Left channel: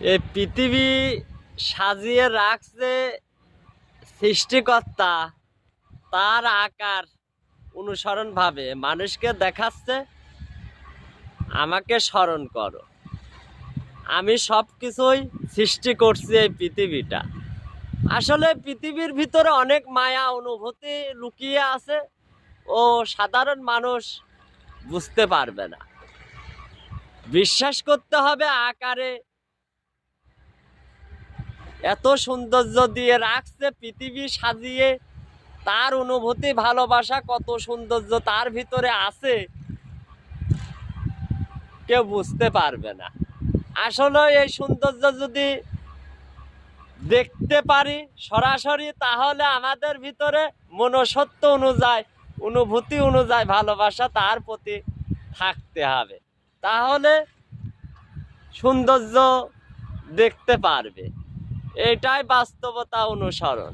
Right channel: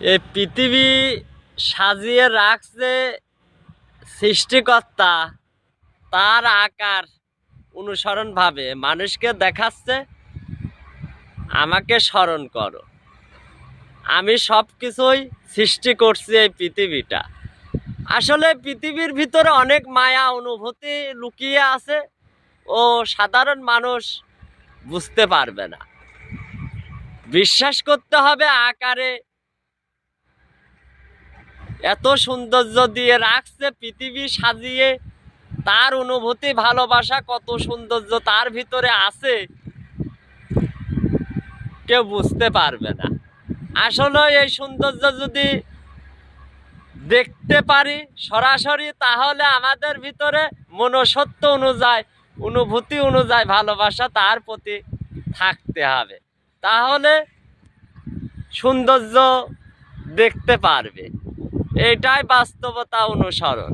এই পৃথিবী সাজিয়ে রাখছে সৃষ্টিকর্তা, তার আকার অনুসরণ ভাবে মানুষকে দেখাচ্ছে আমাকে স্মরণ করো। আমি সব কিছুই সৃষ্টি করছি এই পৃথিবীটা। আসলে পৃথিবীর ভিতরে অনেক মায়া অনুভূতি লুকিয়ে আছে, ও সাধারণ মানুষ বুঝতে পারবে না। বিশ্বাস করতে হবে আকারে এত সৌন্দর্য দিয়ে রাখছে পৃথিবী সাজিয়ে, তার অনুভূতি ভালোবাসা কত সৌন্দর্য তার ভিতরে আছে কেউ বুঝতে পারবে না। আসলে এই সৌন্দর্য যদি দেখতে পারি সরাসরি, তাহলে আমাদের ভিতরে মনসত্ব অনুযায়ী, অনুভূতি অনুযায়ী ভালোবাসা তার প্রতি থাকতে হবে, তাহলে সৌন্দর্য দেখতে পারবে। এটাই বাস্তবতা অনুসরণ।